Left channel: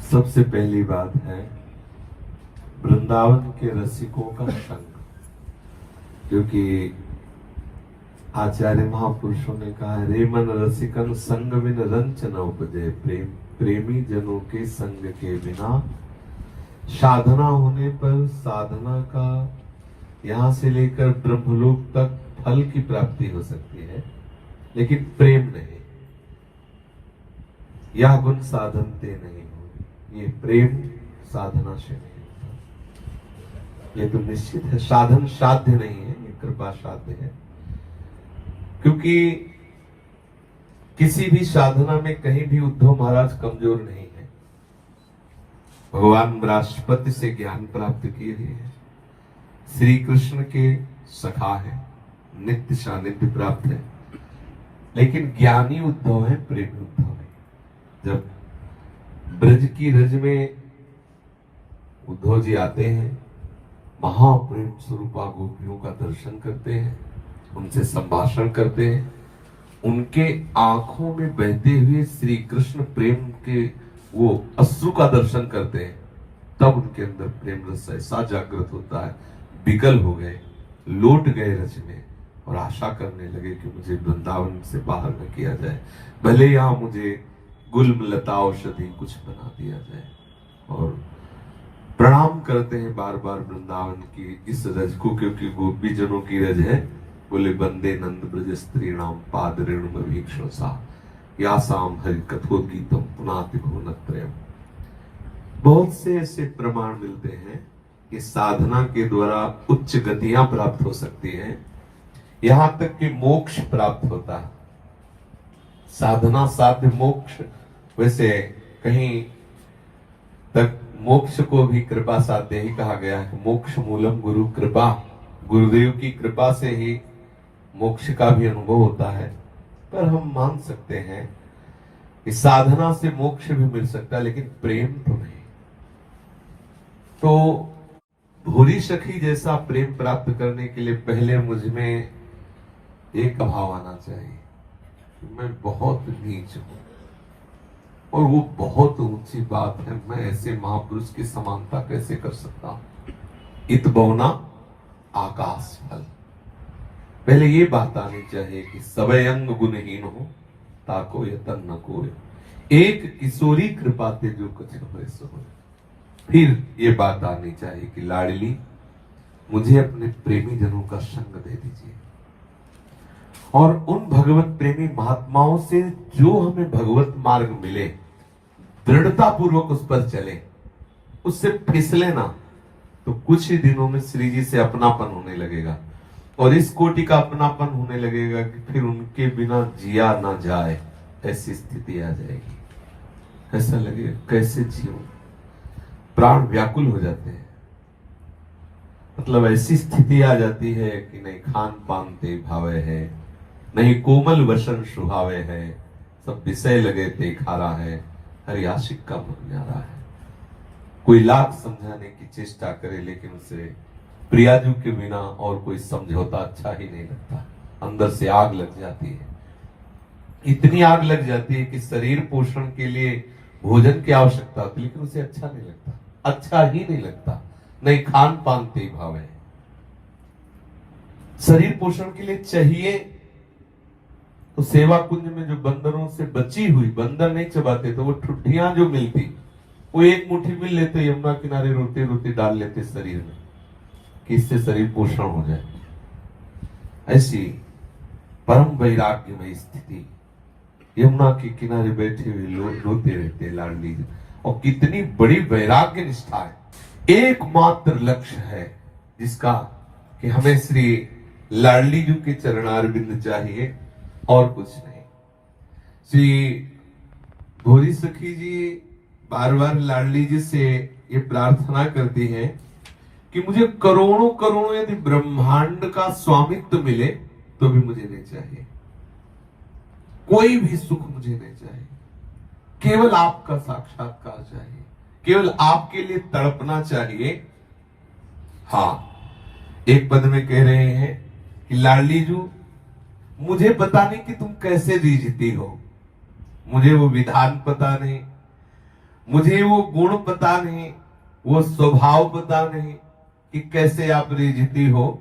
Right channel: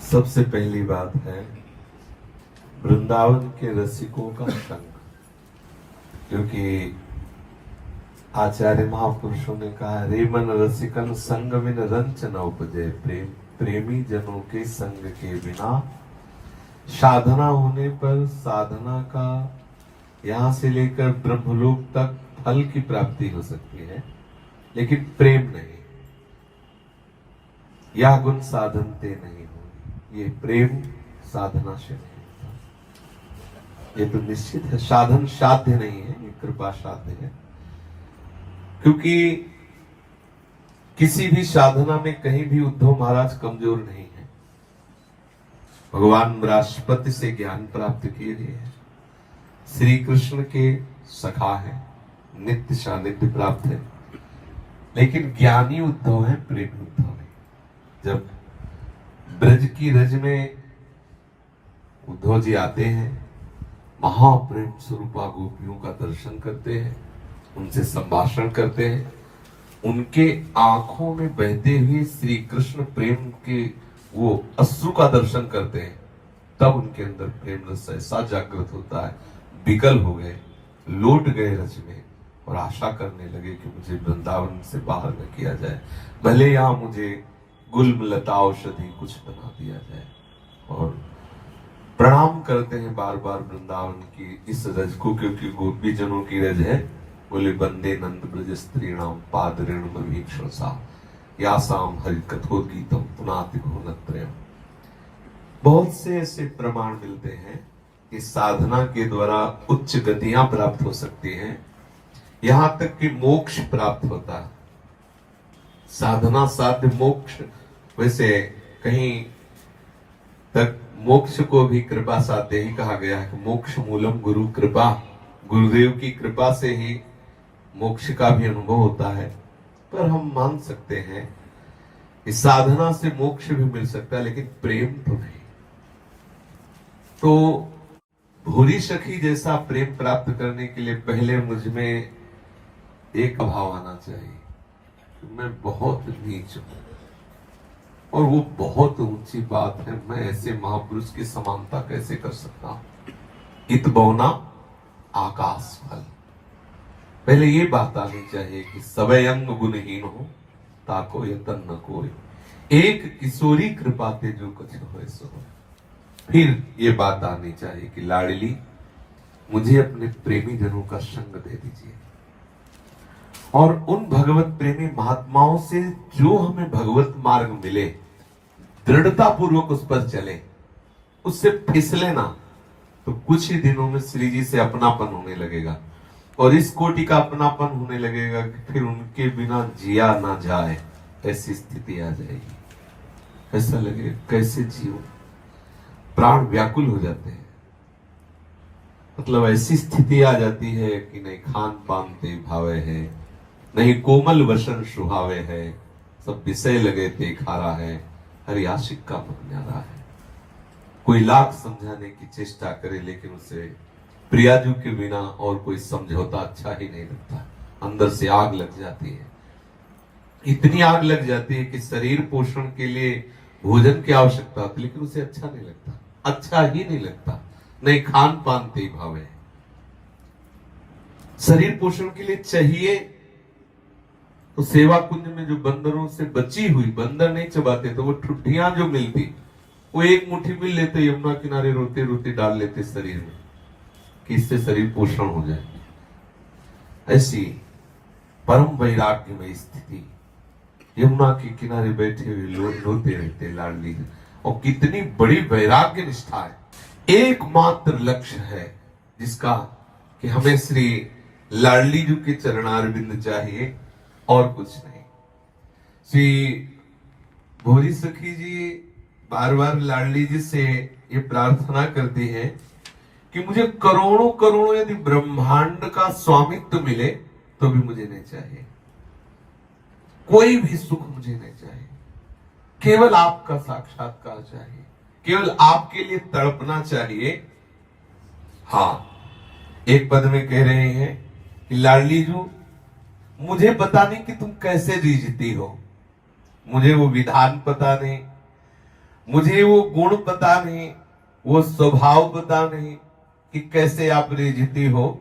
सबसे पहली बात है वृंदावन के रसिकों का संग, क्योंकि आचार्य महापुरुषों ने कहा रे मन रसिकन संग बिन रंच न उपजे, प्रेमी जनों के संग के बिना साधना होने पर साधना का यहां से लेकर ब्रह्मलोक तक फल की प्राप्ति हो सकती है, लेकिन प्रेम नहीं। यह गुण साधनते नहीं होगी, ये प्रेम साधना से नहीं होता। ये तो निश्चित है, साधन साध्य नहीं है, ये कृपा साध्य है। क्योंकि किसी भी साधना में कहीं भी उद्धव महाराज कमजोर नहीं है। भगवान बृहस्पति से ज्ञान प्राप्त किए हैं, श्री कृष्ण के सखा है, नित्य सानिध्य प्राप्त है, लेकिन ज्ञानी उद्धव है, प्रेमी उद्धव है। जब ब्रज की रज में उद्धव जी आते हैं, महाप्रेम स्वरूपा गोपियों का दर्शन करते हैं, उनसे संभाषण करते हैं, उनके आंखों में बहते हुए श्री कृष्ण प्रेम के वो अश्रु का दर्शन करते हैं, तब उनके अंदर प्रेम रस ऐसा जागृत होता है, विकल हो गए, लौट गए रज में और आशा करने लगे कि मुझे वृंदावन से बाहर न किया जाए, भले यहां मुझे गुल्म लता औषधि कुछ बना दिया जाए। और प्रणाम करते हैं बार बार वृंदावन की इस रज को, क्योंकि गोपी जनों की रज है। बोले वंदे नंद ब्रज स्त्रीणाम पाद रेणु वीक्षसा यासाम हरि कथोद्गीतम पुनाति भुवनत्रयम्। बहुत से ऐसे प्रमाण मिलते हैं कि साधना के द्वारा उच्च गतियां प्राप्त हो सकती हैं, यहां तक कि मोक्ष प्राप्त होता है। साधना साध्य मोक्ष, वैसे कहीं तक मोक्ष को भी कृपा साध्य ही कहा गया है। मोक्ष मूलम गुरु कृपा, गुरुदेव की कृपा से ही मोक्ष का भी अनुभव होता है। पर हम मान सकते हैं कि साधना से मोक्ष भी मिल सकता है, लेकिन प्रेम तो नहीं। तो भूरी सखी जैसा प्रेम प्राप्त करने के लिए पहले मुझ में एक अभाव आना चाहिए, मैं बहुत नीच हूं, और वो बहुत ऊंची बात है। मैं ऐसे महापुरुष की समानता कैसे कर सकता हूं? इत बौना आकाश फल। पहले ये बात आनी चाहिए कि सवै अंग गुणहीन हो, ताको यतन न कोई, एक किशोरी कृपा के जो कुछ हो सो। फिर ये बात आनी चाहिए कि लाडली मुझे अपने प्रेमी जनों का संग दे दीजिए, और उन भगवत प्रेमी महात्माओं से जो हमें भगवत मार्ग मिले, दृढ़ता पूर्वक उस पर चले, उससे फिसले ना, तो कुछ ही दिनों में श्री जी से अपनापन होने लगेगा, और इस कोटि का अपनापन होने लगेगा कि फिर उनके बिना जिया ना जाए, ऐसी स्थिति आ जाएगी। ऐसा लगेगा कैसे जियो, प्राण व्याकुल हो जाते हैं। मतलब ऐसी स्थिति आ जाती है कि नहीं खान पान ते भावे है, नहीं कोमल वसन सुहावे है, सब विषय लगे ते खारा है, हरि आशिक का मन न्यारा है। कोई लाख समझाने की चेष्टा करे, लेकिन उसे प्रियाजू के बिना और कोई समझौता अच्छा ही नहीं लगता। अंदर से आग लग जाती है, इतनी आग लग जाती है कि शरीर पोषण के लिए भोजन की आवश्यकता होती, लेकिन उसे अच्छा नहीं लगता, अच्छा ही नहीं लगता। नहीं खान पान ते भावे, शरीर पोषण के लिए चाहिए तो सेवा कुंज में जो बंदरों से बची हुई, बंदर नहीं चबाते तो वो ठुड्डियां जो मिलती, वो एक मुट्ठी भी लेते, यमुना किनारे रोते रोते डाल लेते शरीर में, कि इससे शरीर पोषण हो जाए। ऐसी परम वैराग्यमय स्थिति, यमुना के किनारे बैठे हुए लोग रोते रहते लाडली, और कितनी बड़ी वैराग्य निष्ठा है। एकमात्र लक्ष्य है जिसका कि हमें श्री लाडली जी के चरणारविंद चाहिए और कुछ नहीं। श्री भोरी सखी जी बार बार लाडली जी से ये प्रार्थना करती है कि मुझे करोड़ों करोड़ों यदि ब्रह्मांड का स्वामित्व मिले तो भी मुझे नहीं चाहिए, कोई भी सुख मुझे नहीं चाहिए, केवल आपका साक्षात्कार चाहिए, केवल आपके लिए तड़पना चाहिए। हाँ, एक पद में कह रहे हैं कि लाडली जी मुझे पता नहीं कि तुम कैसे जीती हो, मुझे वो विधान पता नहीं, मुझे वो गुण पता नहीं, वो स्वभाव पता नहीं कि कैसे आप रिझती हो।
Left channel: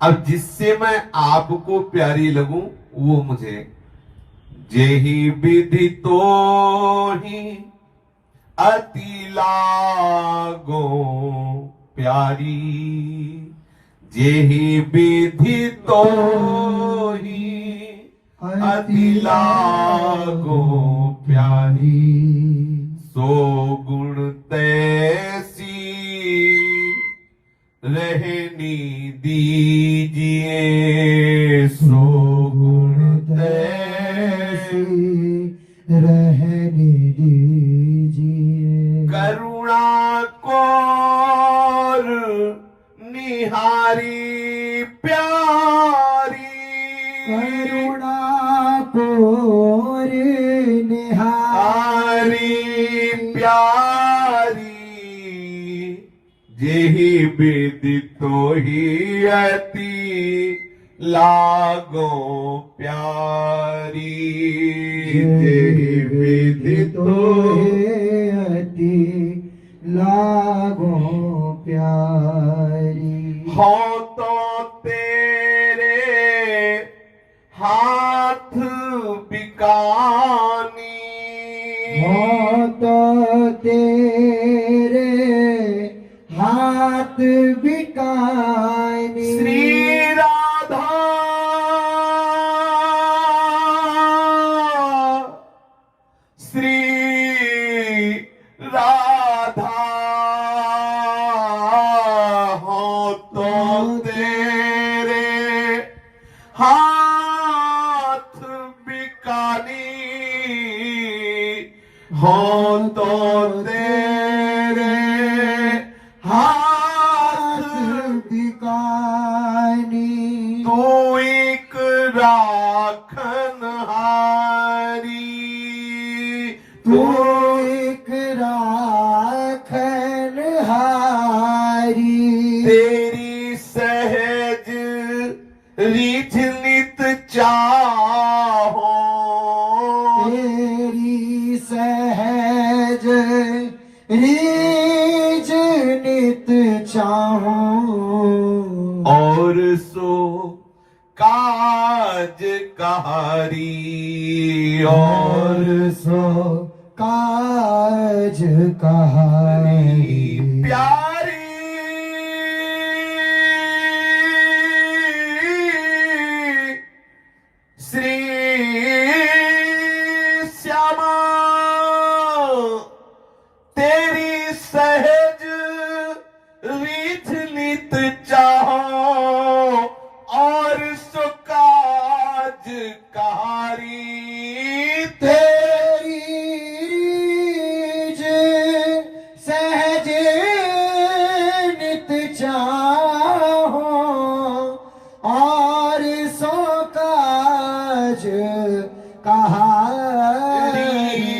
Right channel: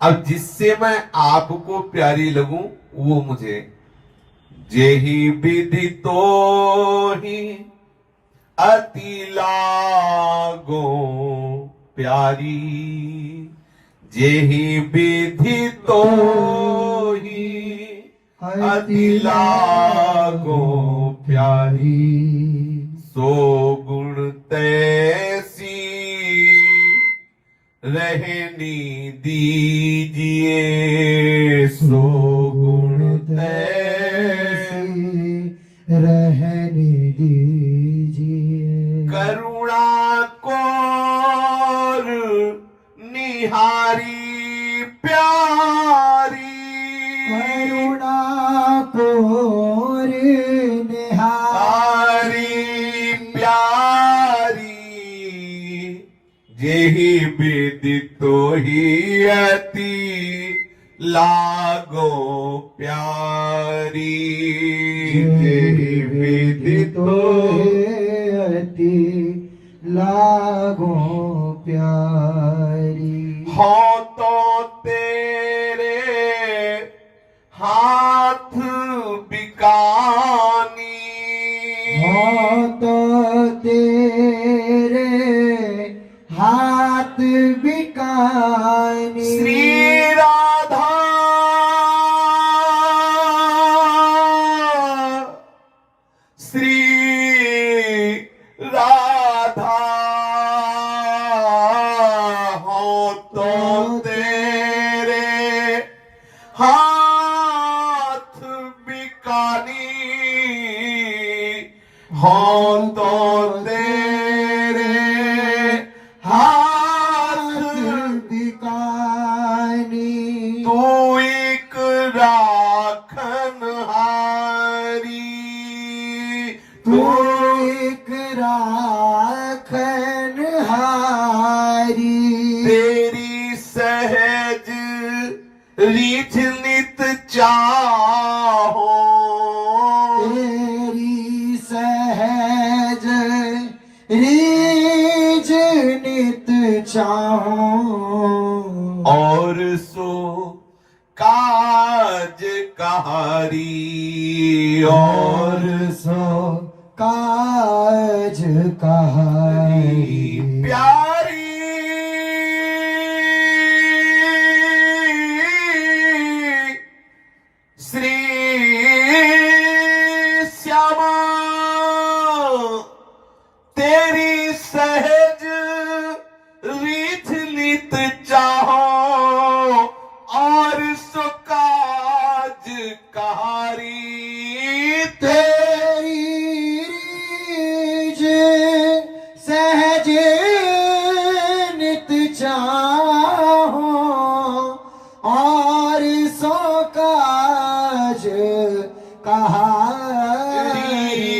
अब जिससे मैं आपको प्यारी लगूं वो मुझे, जेहि विधि तो ही अति लागो प्यारी, जेहि विधि तो ही अति लागो प्यारी, सो गुण तैसी रहनी दीजिए, सो गुण तैसी रहने दीजिए। करुणा कोर निहारी प्यारी, करुणा कोर निहारी प्यारी, जेहि विधि तो ही अति लागो प्यारी, जेहि विधि तो अति लागो प्यारी। हो तो तेरे हाथ बिकानी, हो तो तेरे हाथ बिकानी, श्री राधा श्री राधा, हो तो तेरे हाथ बिकानी, हो तो तेरे हाथ बिकानी, तू एक राखन हारी, तू एक राखन हारी, तेरी सहज रीझ नित चाहो, तेरी सहज रीझ नित चाहो, और सो काज कहारी, और सो काज कहारी, प्यारी श्री श्यामा, तेरी सहज रीझ नित चाहो, और सो काज कहारी, तेरी रीझ सहज नित चाहो, और सो काज कहारी,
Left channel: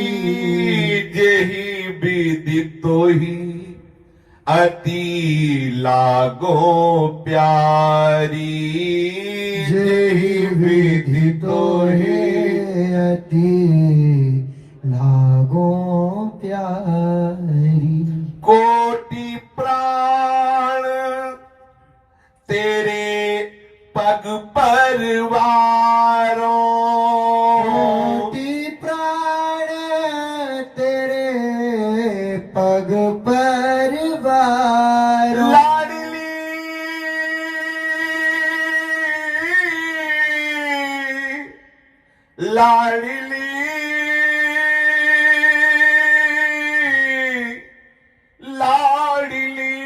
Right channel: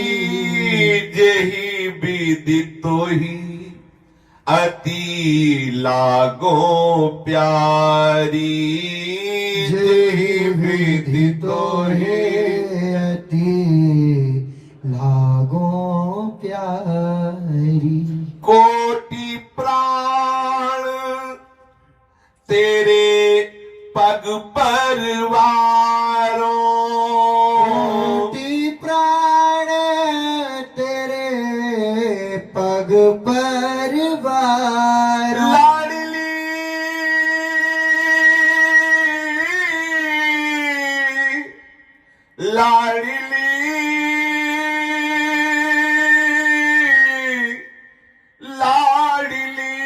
जेहि विधि तो ही अति लागो प्यारी, जेहि विधि तो ही अति लागो प्यारी। कोटि प्राण तेरे पग परवारो, कोटि प्राण तेरे पग परवार, लाडली लाडली लाडली,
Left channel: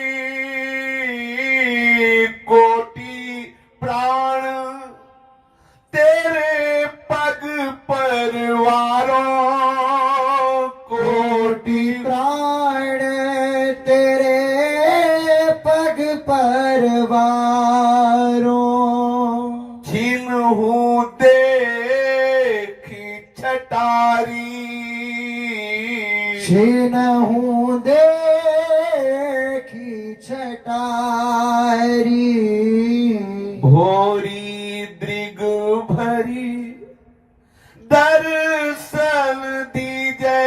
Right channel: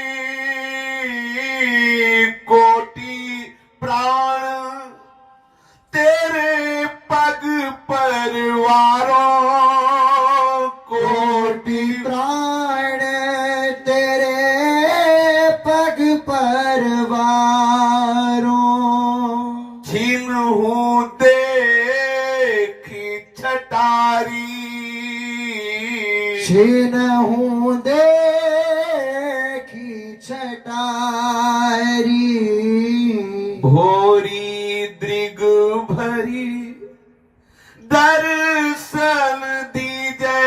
कोटि प्राण तेरे पग परवारो, कोटि प्राण तेरे पग परवारो, छिन्हु देखी छटारी, छिन्हु देखी छटारी, भोरी दृग भरी दर्शन दीजे,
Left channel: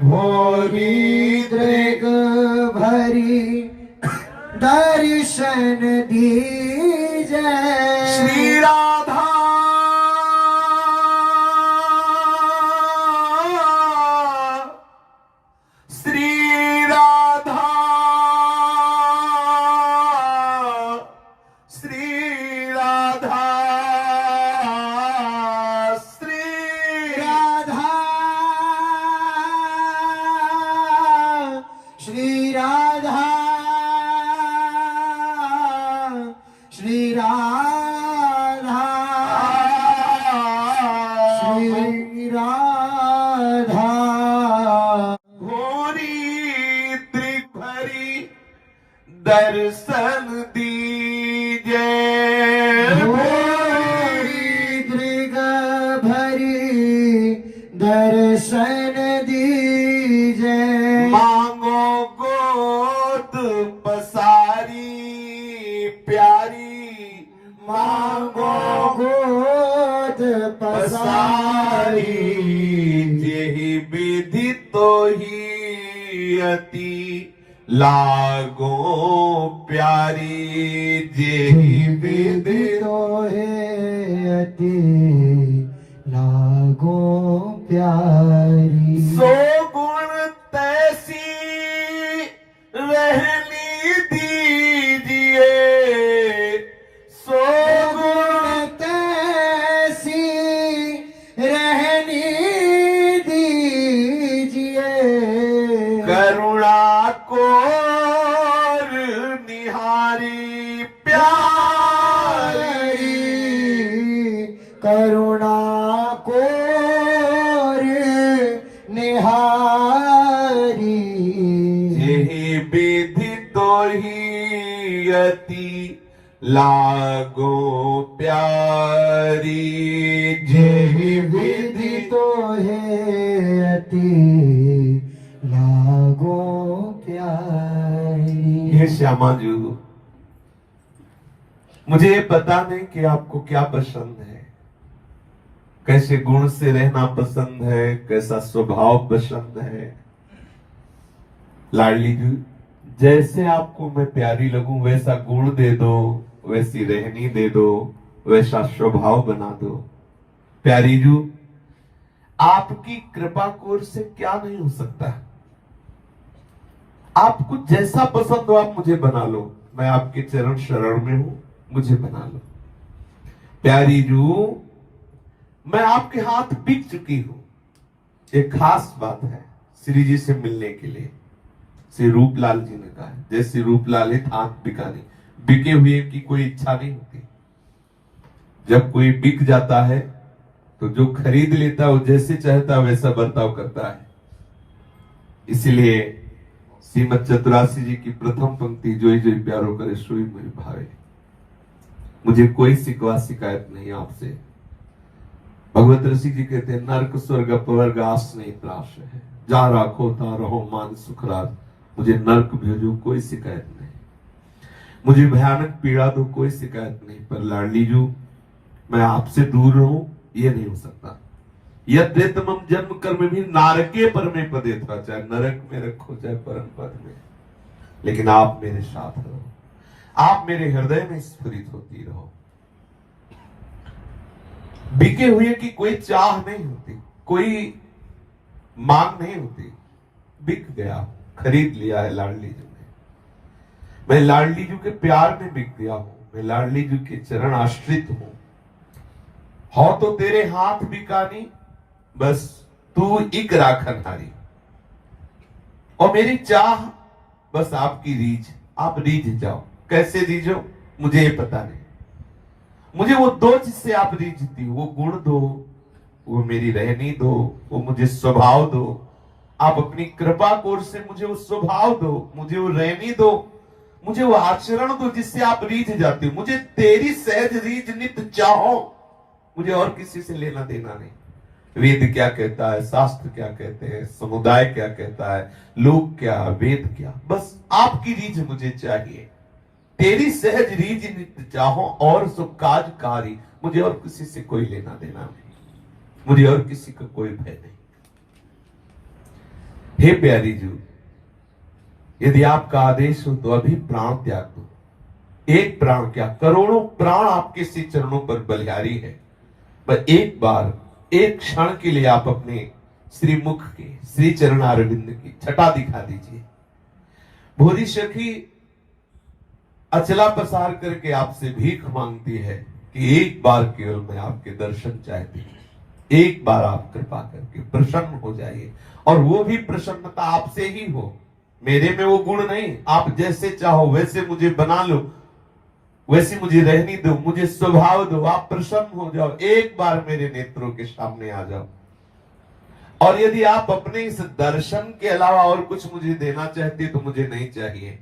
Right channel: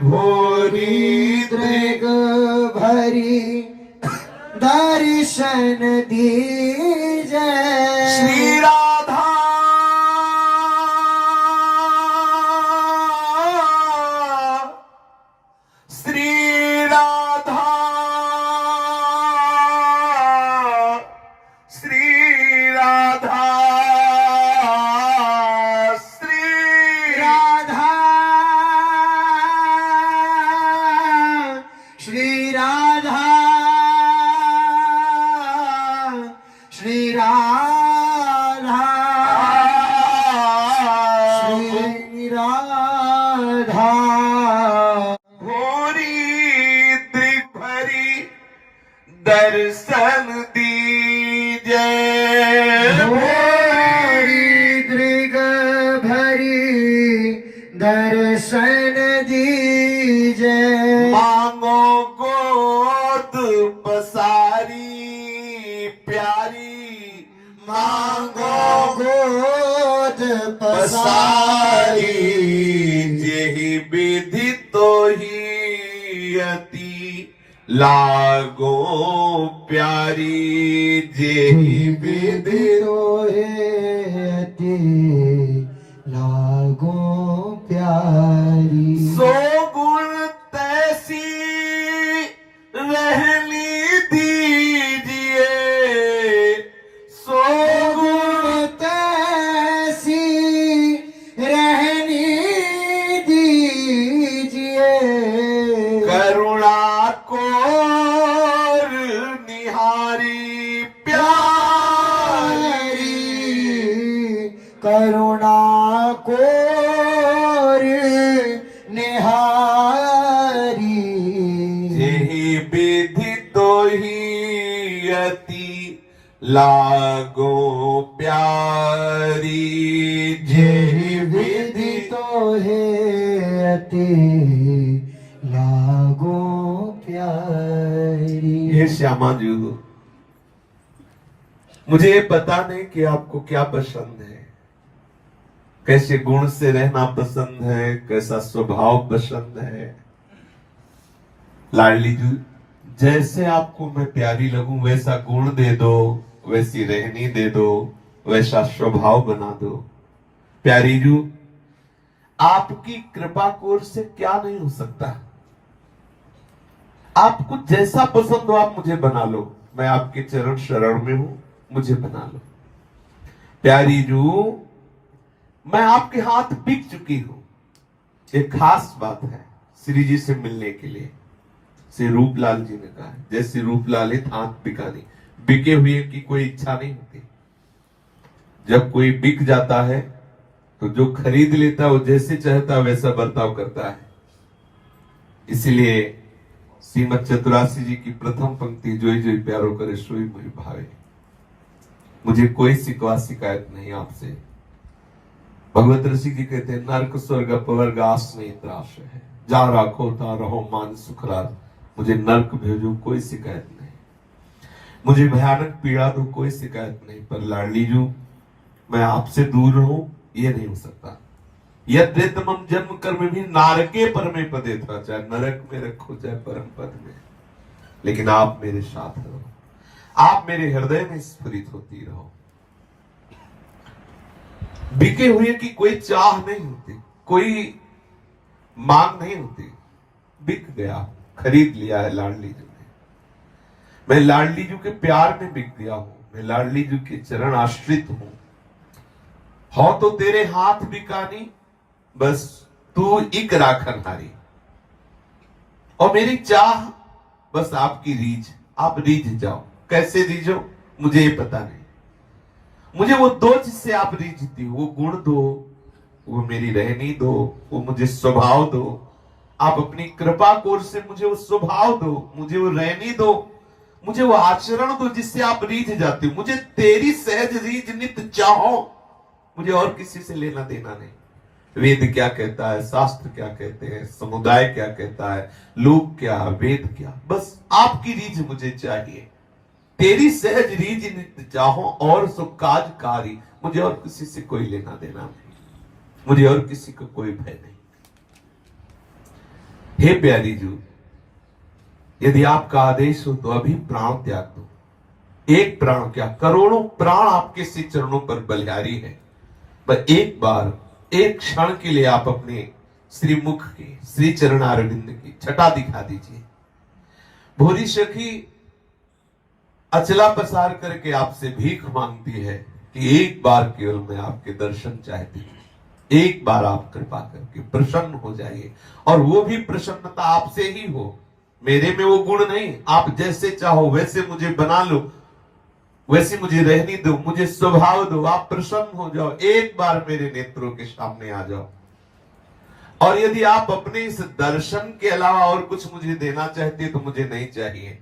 भोरी दृग भरी दर्शन दीजे। श्री राधा श्री राधा श्री राधा श्री राधा श्री राधा श्री राधा श्री राधा भोरी त्रिभरी दर्शन दीजे। भोरी दृग भरी दर्शन दीजे। मांगो गोद पसारी प्यारी, मांगो गोद पसारी पसारी। जेहि विधि तो ही अति लागो प्यारी, जेहि विधि अति लागो प्यारी। सो गुण तैसी रहनी दीजिए, सो गुण तैसी रहनी दीजिए। करुणा कोर निहारी प्यारी, करुणा कोर निहारी। जेहि विधि तो ही अति लागो प्यारी, जेहि विधि तो है अति लागो प्यारी। हे श्यामा जी, मुझे ये पता नहीं कि आपको क्या पसंद है, कैसे गुण से रहना पसंद है, कैसा स्वभाव पसंद है। लाडली जी, जैसे आपको मैं प्यारी लगूं वैसा गुण दे दो, वैसी रहनी दे दो, वैसा स्वभाव बना दो। प्यारी जी, आपकी कृपा कोर से क्या नहीं हो सकता। आपको जैसा पसंद हो आप मुझे बना लो, मैं आपके चरण शरण में हूं, मुझे बना लो। प्यारी जू, मैं आपके हाथ बिक चुकी हूं। एक खास बात है श्री जी से मिलने के लिए। श्री रूपलाल जी ने कहा, जैसे रूपलाल है हाथ बिकानी, बिके हुए की कोई इच्छा नहीं होती। जब कोई बिक जाता है तो जो खरीद लेता है वो जैसे चाहता है वैसा बर्ताव करता है। इसलिए श्रीमद चतुरासी जी की प्रथम पंक्ति, जोई जोई प्यारो करे सोई मोहि भावे। मुझे कोई शिकवा शिकायत नहीं आपसे। भगवत ऋषि जी कहते हैं, नरक स्वर्ग अपवर्ग आस नहीं त्रास है, जा राखो ता रहो मान सुखराज। मुझे नरक भेजो कोई शिकायत नहीं, मुझे भयानक पीड़ा दो कोई शिकायत नहीं, पर लाडली जू मैं आपसे दूर रहूं ये नहीं हो सकता। यद्यतमम जन्म कर्म भी नारके परमे पदे था, चाहे नरक में रखो चाहे परम पद में, लेकिन आप मेरे साथ रहो, आप मेरे हृदय में स्फुरित होती रहो। बिके हुए की कोई चाह नहीं होती, कोई मांग नहीं होती। बिक गया, खरीद लिया है लाडली जू ने। मैं लाडली जू के प्यार में बिक गया हूं, मैं लाडली जू के चरण आश्रित हूं। हो तो तेरे हाथ बिकानी, बस तू एक राखन हारी। और मेरी चाह बस आपकी रीझ, आप रीझ जाओ। कैसे रीझो मुझे ये पता नहीं, मुझे वो दो जिससे आप रीझती हो, वो गुण दो, वो मेरी रहनी दो, वो मुझे स्वभाव दो। आप अपनी कृपा कोर से मुझे वो स्वभाव दो, मुझे वो रहनी दो, मुझे वो आचरण दो जिससे आप रीझ जाते हो। मुझे तेरी सहज रीझ नित चाहो, मुझे और किसी से लेना देना नहीं। वेद क्या कहता है, शास्त्र क्या कहते हैं, समुदाय क्या कहता है, लोग क्या, वेद क्या, बस आपकी रीझ मुझे चाहिए। तेरी सहज रीझ नित चाहो और सो काजकारी। मुझे और किसी से कोई लेना देना नहीं, मुझे और किसी का कोई भय नहीं। हे प्यारी जू, यदि आपका आदेश हो तो अभी प्राण त्याग दो। एक प्राण क्या, करोड़ों प्राण आपके श्री चरणों पर बलिहारी है, पर एक बार, एक क्षण के लिए आप अपने श्रीमुख के, श्री चरण अरविंद की छटा दिखा दीजिए। भोली सखी अचला पसार करके आपसे भीख मांगती है कि एक बार केवल मैं आपके दर्शन चाहती हूं, एक बार आप कृपा करके प्रसन्न हो जाइए, और वो भी प्रसन्नता आपसे ही हो, मेरे में वो गुण नहीं, आप जैसे चाहो वैसे मुझे बना लो, वैसे मुझे रहने दो, मुझे स्वभाव दो, आप प्रसन्न हो जाओ, एक बार मेरे नेत्रों के सामने आ जाओ। और यदि आप अपने इस दर्शन के अलावा और कुछ मुझे देना चाहती है तो मुझे नहीं चाहिए।